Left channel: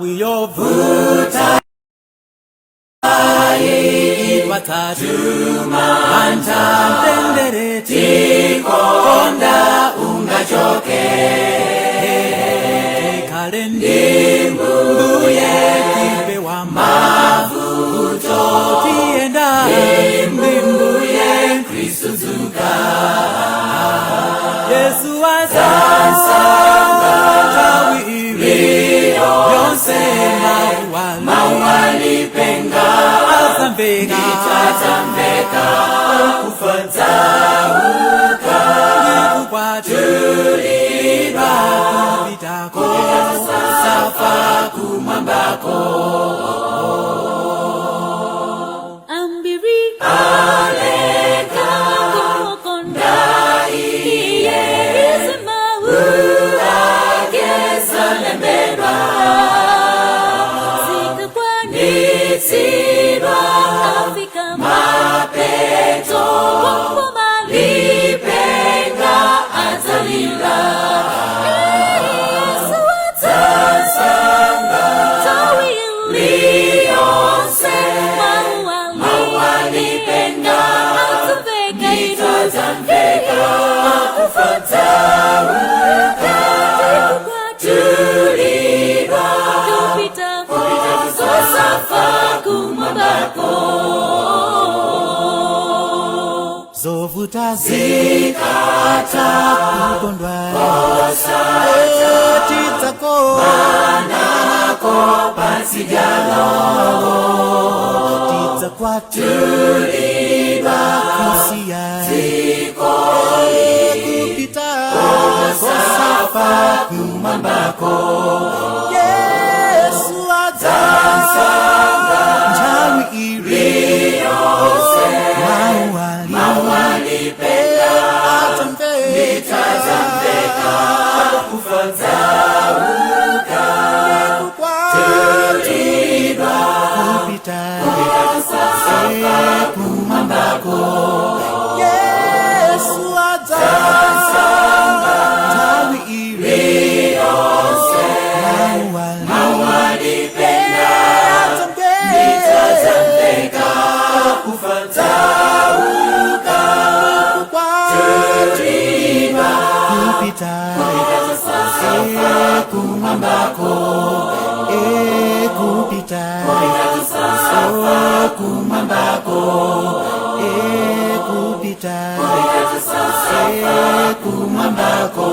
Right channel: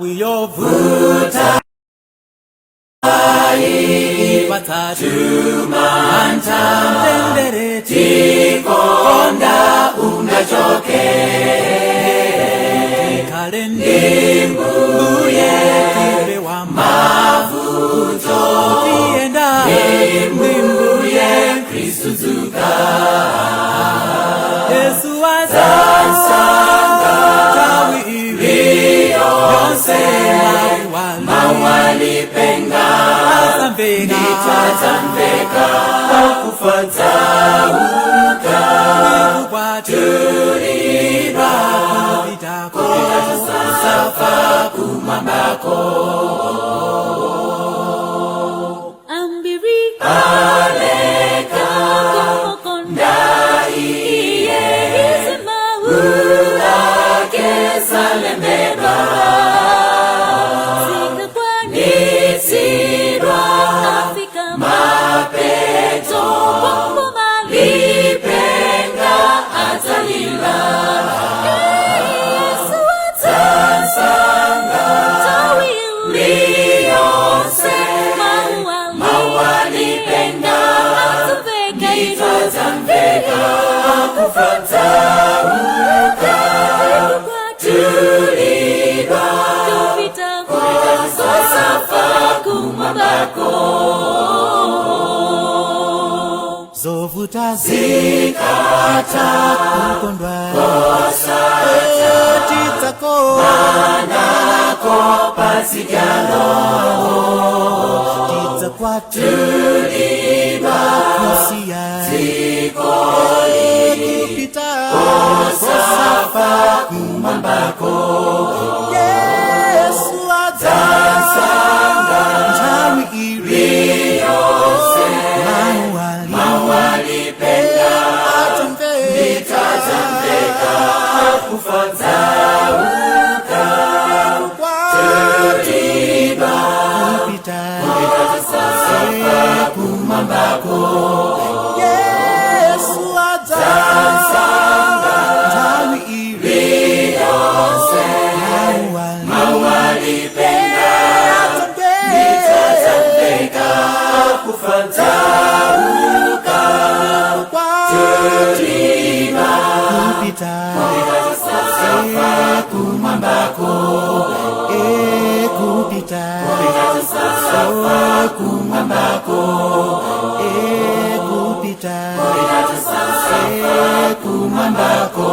Wiyovuta ipatatu mantamtendereti konda ungachoke tikalendi mbuye tipewa mavuto tienda ndimbuye Kristu zuka Yesu azansa tawi ivi yonse mawali penga azambeka akufata uka nikukwatulira kupitako safa kumambako ambiri aleka kumokondai iye izemahu akesalemberwa sikakwanitirwa afika mapeto bombo malipenga azalila Yesu atasanga tawiliyonse mawalipenga atuveka iruzambeka akufata ukatikukwatulirwa kupita sosafa kumwambako zovuta zikata kukondwa etidzako nako pasijalo tidzakwatulirwa kusiya kupita kosafa kumwambako Yesu adzansa nthawi iriyo mawali atamveka kufata uka nikukwatulirwa kupita kumwambako Yesu adzansa nthawi iriyo mawali atamveka kufata uka nikukwatulirwa kupita kumwambako kupita kumwambako kupita kumwambako